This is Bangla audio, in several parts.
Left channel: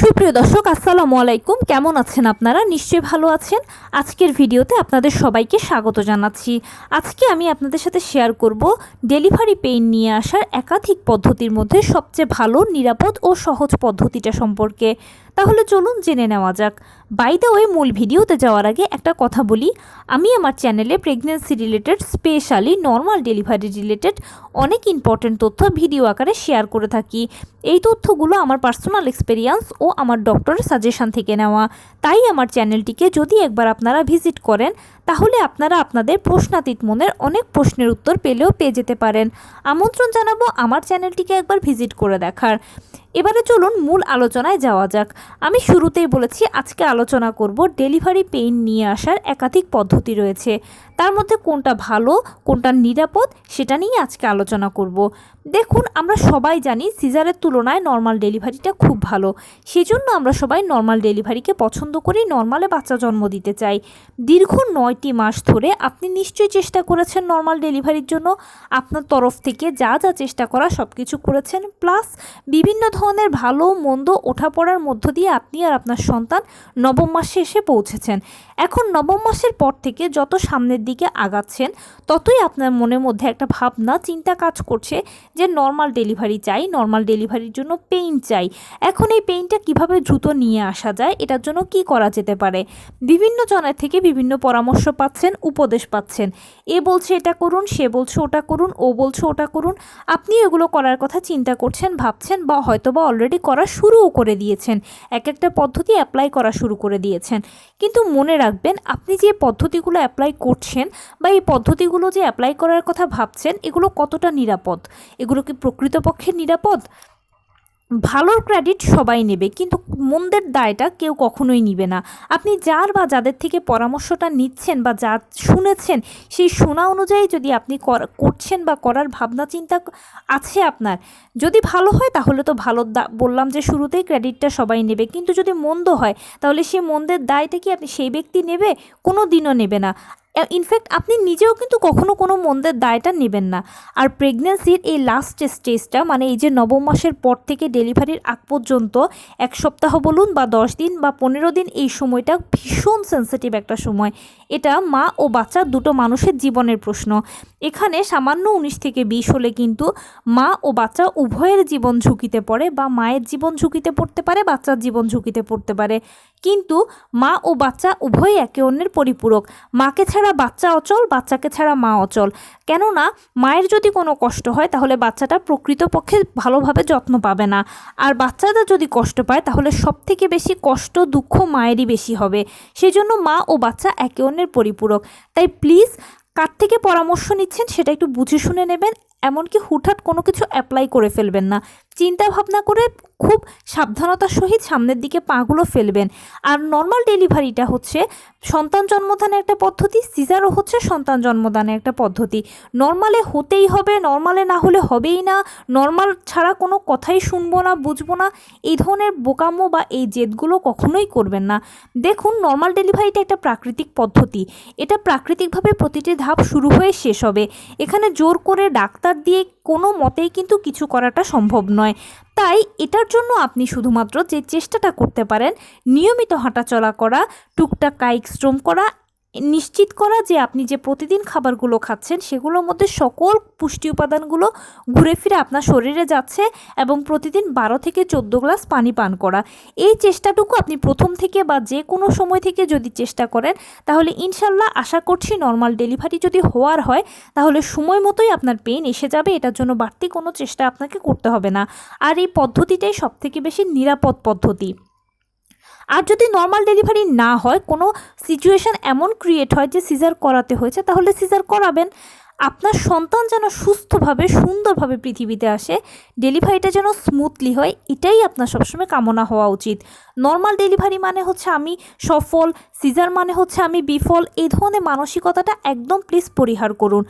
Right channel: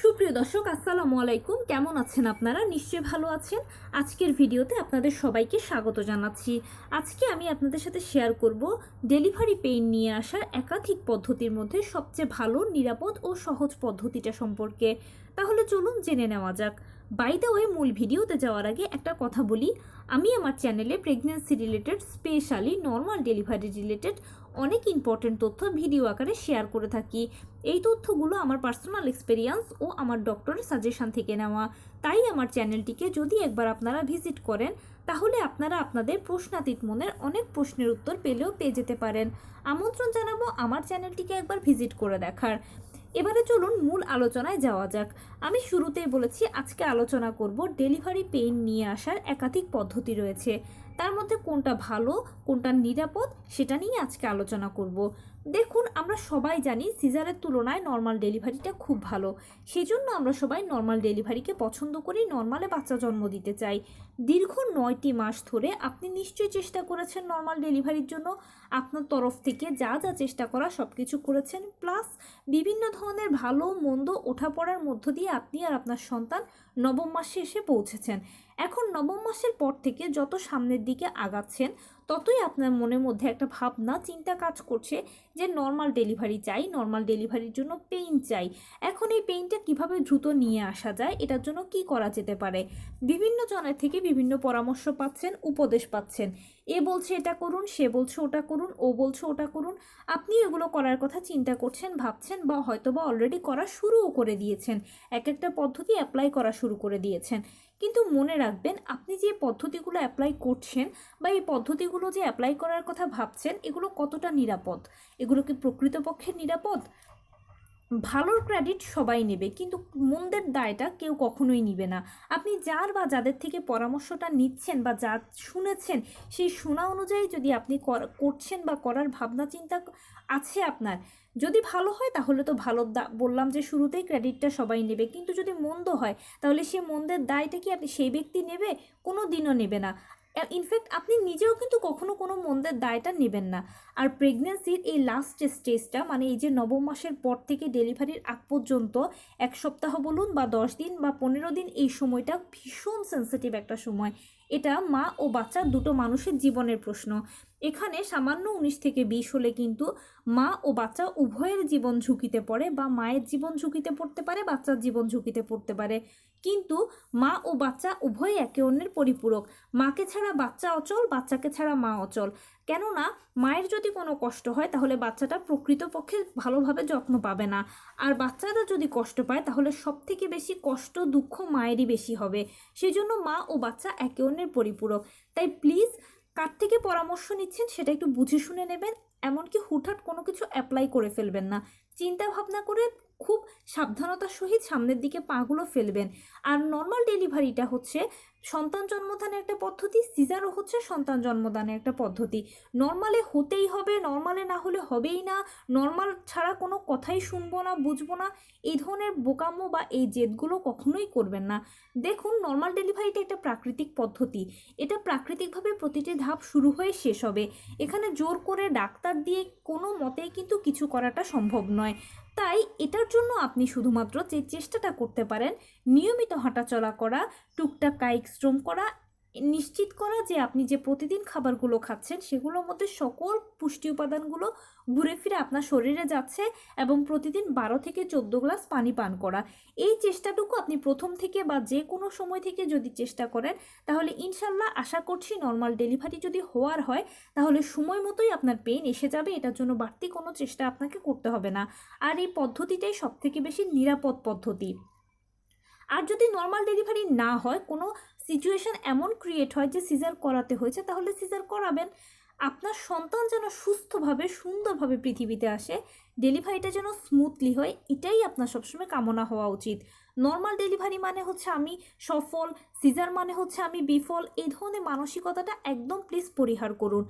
সুপ্রিয় দর্শক, আসসালামু আলাইকুম। কেমন আছেন আপনারা? নিশ্চয়ই ভালো আছেন। আজকের ভিডিওতে আপনাদের সবাইকে স্বাগত জানাচ্ছি। আজকে আমি আপনাদের সাথে শেয়ার করব ডেলিভারি পেইন নিয়ে আসার একাধিক পদ্ধতির মধ্যে সবচেয়ে ভালো, নিরাপদ ও সহজ পদ্ধতিটা সম্পর্কে। তাহলে চলুন জেনে নেওয়া যাক। বাই দ্য ওয়ে, মূল ভিডিওতে যাওয়ার আগে একটা কথা বলি, আমি আমার চ্যানেলে pregnancy related, specially normal delivery related অনেক ইম্পর্টেন্ট তথ্য ভিডিও আকারে শেয়ার করে থাকি। এই তথ্যগুলো আমার পার্সোনাল এক্সপেরিয়েন্স ও আমার ডক্টরের সাজেশন থেকে নেওয়া। তাই আমার চ্যানেলটিকে যদি একবার আপনারা ভিজিট করেন, তাহলে আপনারা আপনাদের প্রশ্নাতীত মনের অনেক প্রশ্নের উত্তর পেয়ে যেতে পারেন। আমন্ত্রণ জানাবো আমার চ্যানেলটিকে একবার ভিজিট করে দেখার। এবারে চলুন মূল আলোচনায় যাওয়া যাক। আমি শুরুতেই বলেছি আজকে আলোচনা করব ডেলিভারি পেইন নিয়ে আসার একাধিক পদ্ধতি রয়েছে। তার মধ্যে কোনটা ভালো, কোনটা নিরাপদ, সেটা নিয়ে আজকে আলোচনা করব। দেখুন, আমরা সবাই জানি সিজারের তুলনায় নর্মাল ডেলিভারিটা খুব ভালো। সেজন্য আমরা সবাই নর্মাল ডেলিভারিকে পছন্দ করি, নর্মালে বাচ্চা জন্ম দিতে চাই। দীর্ঘ 9টি মাস ধরে আপনি নিশ্চয়ই চেষ্টা করেছেন নর্মাল ডেলিভারির জন্য। আপনার তরফ থেকে যা যা চেষ্টা করা সব কিছু করেছেন, প্লাস বিভিন্ন ধরনের ভালো মন্দ ওঠাপড়ার মধ্য দিয়ে আপনি আর আপনার সন্তান নবম মাসে এসে পৌঁছেছেন। এখন নবম মাসের পর থেকে যত সামনের দিকে আগাচ্ছেন, ততই আপনার মনের মধ্যে একটা ভাবনা, চিন্তা কাজ করছে যে নর্মাল ডেলিভারি চাই, নর্মাল ডেলিভারির জন্য পেইন চাই। এখন এই পেইনটা কিভাবে দ্রুত নিয়ে আসা যায়, এটার জন্য কি করা যেতে পারে? বিভিন্ন জনের থেকে বিভিন্ন পরামর্শ পাচ্ছেন, উপদেশ পাচ্ছেন। এ বলছে এটা করুন, সে বলছে ওটা করুন, ও বলছে ওটা করুন। আপনি এগুলো করার কথা চিন্তা করছেন, ভাবছেন, বা হয়তোবা অলরেডি করা শুরুও করে দিয়েছেন। এক একটা পদ্ধতি অ্যাপ্লাই করা শুরু করে দিয়েছেন। কিন্তু মনে রাখবেন, আপনি যে পদ্ধতিগুলো অ্যাপ্লাই করছেন বা এই পদ্ধতিগুলো যে অ্যাপ্লাই করার কথা ভাবছেন, এগুলো কতটা নিরাপদ? এগুলো কি প্রকৃতপক্ষে নিরাপদ? ভালোর ক্রেডিট সবাই নেবে, কিন্তু মন্দের দায়টা কেউ কখনোই নিবে না। আপনি যার বা যাদের থেকে পরামর্শটা নিচ্ছেন বা যা শুনেছেন, সেই শোনা অনুযায়ী যদি আপনি করছেন বা করার ভাবনা চিন্তা আছে আপনার, যদি ভালো হয় তাহলে তো ভালো, বললাম যে শুরুতেই ক্রেডিটটা সবাই নেবে। কিন্তু যদি মন্দ হয়, তাহলে সেই মন্দের দায়টা কি আপনি সেই ব্যক্তি নেবে? কোনো দিনও নেবে না। ইনফ্যাক্ট আপনি নিজেও কিন্তু কখনো কোনো মন্দের দায়টা নেবেন না। আর প্রেগন্যান্সির এই লাস্ট স্টেজটা, মানে এই যে নবম মাসের পর থেকে ডেলিভারির আগ পর্যন্ত 1 সপ্তাহ বলুন বা 10 দিন বা 15 দিন, এই সময়টা ভীষণ সেন্সিটিভ একটা সময়। এটা মা ও বাচ্চা দুটো মানুষের জীবনের প্রশ্ন। এখানে সামান্য 19 থেকে 20 হলে কিন্তু মা ও বাচ্চা উভয়ের জীবন ঝুঁকিতে পড়ে, বা মায়ের জীবন ঝুঁকিতে পড়তে পারে, বাচ্চার জীবন ঝুঁকিতে পড়তে পারে। কিন্তু মা ও বাচ্চা উভয়ই একে অন্যের পরিপূরক। মাকে ছাড়া বাচ্চা অচল, বাচ্চাকে ছাড়া মা অচল। কেননা মায়ের যদি কোনো কষ্ট হয়, তাহলে বাচ্চাটা প্রকৃতপক্ষে ভালোভাবে যত্ন পাবে না। আর বাচ্চাটা যদি কষ্ট পায়, তাহলে সবথেকে বেশি কষ্ট, দুঃখ মায়েরই বেশি হবে। সেজন্য মা ও বাচ্চা একে অন্যের পরিপূরক। তাই প্লিজ, কার থেকে পরামর্শ নিচ্ছেন সেটা একটু বুঝে শুনে নেবেন। এমনকি হুটহাট কোনো কিছু অ্যাপ্লাই করে ফেলবেন না। চিন্তা ভাবনা করে খুব সাবধানতার সহিত সামনের দিকে পাগুলো ফেলবেন। আর নর্মাল ডেলিভারিটা হচ্ছে সন্তান জন্মদানের একটা পদ্ধতি, সিজারও হচ্ছে সন্তান জন্মদানের একটা পদ্ধতি। নর্মালে হতেই হবে, নর্মালে না হলে হবেই না, নর্মাল ছাড়া কোনো কথাই শুনবো না, বুঝবো না, এই ধরনের বোকামো বা এই জেদগুলো কখনোই করবেন না। দেখুন, নর্মাল ডেলিভারিটা একটা প্রাকৃতিক পদ্ধতি। এটা প্রাকৃতিকভাবে প্রতিটি ধাপ শুরু হয়ে শেষ হবে। এখানে জোর করে ডাক্তার দিয়ে কোনো মতেই কিন্তু কিছু করাটা সম্ভব নয়। তাই এটার জন্য আপনি শুধুমাত্র যে চেষ্টাটা করতে পারেন, নিয়মিত হাঁটাচলা করা, টুকটাক কায়িক শ্রম করা, নিশ্চিত করা যে আপনি যে প্রতিদিন খাবারগুলো খাচ্ছেন সেগুলোর মধ্যে সকল পুষ্টি উপাদানগুলো ঘুরে ফিরে আপনার শরীরে যাচ্ছে, এবং প্রতিদিন 12 থেকে 14 গ্লাস পানি পান করা। এই চেষ্টাটুকু আপনি প্রথম থেকে বা যে কোনো সময় থেকে যদি চেষ্টা করেন, তাহলে ইনশাল্লাহ আশা করছি নর্মাল ডেলিভারি যদি হওয়ার হয়, তাহলে সময় মতোই আপনার পেইন এসে যাবে। এটার জন্য বাড়তি কোনো চেষ্টা আপনাকে করতে হবে না। আর এই পদ্ধতিটাই সবথেকে বেশি নিরাপদ পদ্ধতি। আর যদি নর্মাল ডেলিভারি না হয়, কোনো সিচুয়েশান এমন ক্রিয়েট হয় যে সিজার করাতে হয়েছে, তাহলে সিজার করাবেন। আপনার সন্তান যেন সুস্থভাবে, সুন্দরভাবে পৃথিবীতে আসে, ডেলিভারিটা যেন স্মুথলি হয়, এটাই আপনার সবসময় কামনা হওয়া উচিত। নর্মাল ডেলিভারি মানে হচ্ছে আমি সফল, সিজার মানে হচ্ছে আমি বিফল, এই ধরনের মানসিকতাটা একদম প্লিজ পরিহার করুন।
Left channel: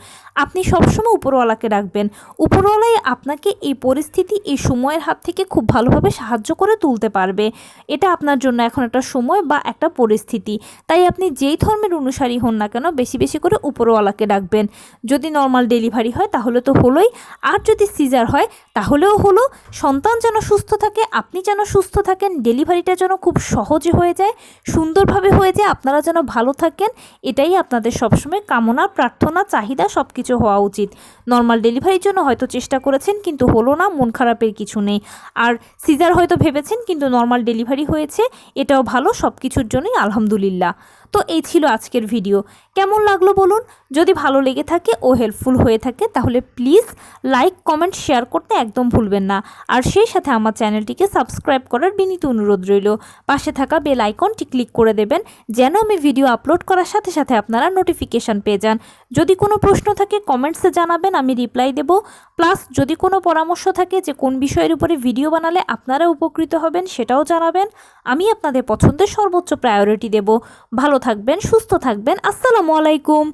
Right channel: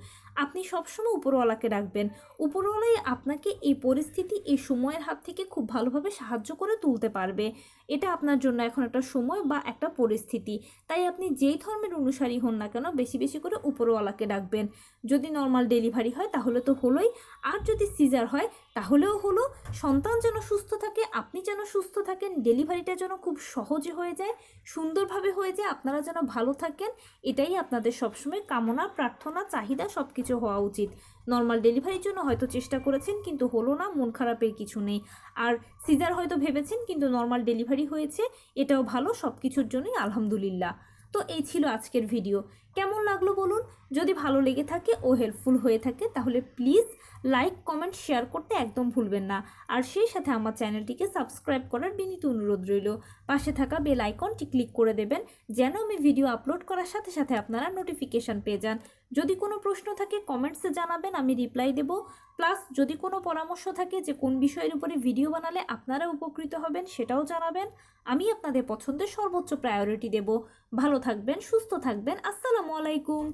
আপনি সবসময় উপরওয়ালাকে রাখবেন। উপরওয়ালাই আপনাকে এই পরিস্থিতি, এই সময়ের হাত থেকে খুব ভালোভাবে সাহায্য করে তুলতে পারবে। এটা আপনার জন্য এখন একটা সময় বা একটা পরিস্থিতি। তাই আপনি যেই ধর্মের অনুসারী হন না কেন, বেশি বেশি করে উপরওয়ালাকে রাখবেন। যদি নর্মাল ডেলিভারি হয় তাহলে তো হলোই, আর যদি সিজার হয় তাহলেও হলো। সন্তান যেন সুস্থ থাকে, আপনি যেন সুস্থ থাকেন, ডেলিভারিটা যেন খুব সহজে হয়ে যায়, সুন্দরভাবে হয়ে যায়, আপনারা যেন ভালো থাকেন, এটাই আপনাদের সবসময় কামনা, প্রার্থনা, চাহিদা সব কিছু হওয়া উচিত। নর্মাল ডেলিভারির জন্য হয়তো চেষ্টা করেছেন কিন্তু হলো না, মন খারাপের কিছু নেই। আর সিজার হয়তো ভেবেছেন কিন্তু নর্মাল ডেলিভারি হয়েছে, এটাও ভালো, সব কিছুর জন্যই আলহামদুলিল্লাহ। তো এই ছিল আজকের ভিডিও। কেমন লাগলো বলুন? যদি ভালো লেগে থাকে ও হেল্পফুল হয়ে থাকে তাহলে প্লিজ লাইক, কমেন্ট, শেয়ার করতে একদম ভুলবেন না। আর সেই সাথে আমার চ্যানেলটিকে সাবস্ক্রাইব করার বিনীত অনুরোধ রইল। পাশে থাকা বেল আইকনটি ক্লিক করে দেবেন যেন আমি ভিডিও আপলোড করার সাথে সাথে আপনারা নোটিফিকেশান পেয়ে যান। যদি কোনো প্রশ্ন থাকে কমেন্টসে জানাবেন, আমি রিপ্লাই দেব। প্লাস যদি কোনো পরামর্শ থাকে যে কোন বিষয়ের উপরে ভিডিও বানালে আপনারা উপকৃত হবেন সেটাও জানাবেন। আমি আপনাদের পছন্দের সর্বোচ্চ প্রায়োরিটি দেব। ভালো থাকবেন, সুস্থ থাকবেন। আসসালামু আলাইকুম।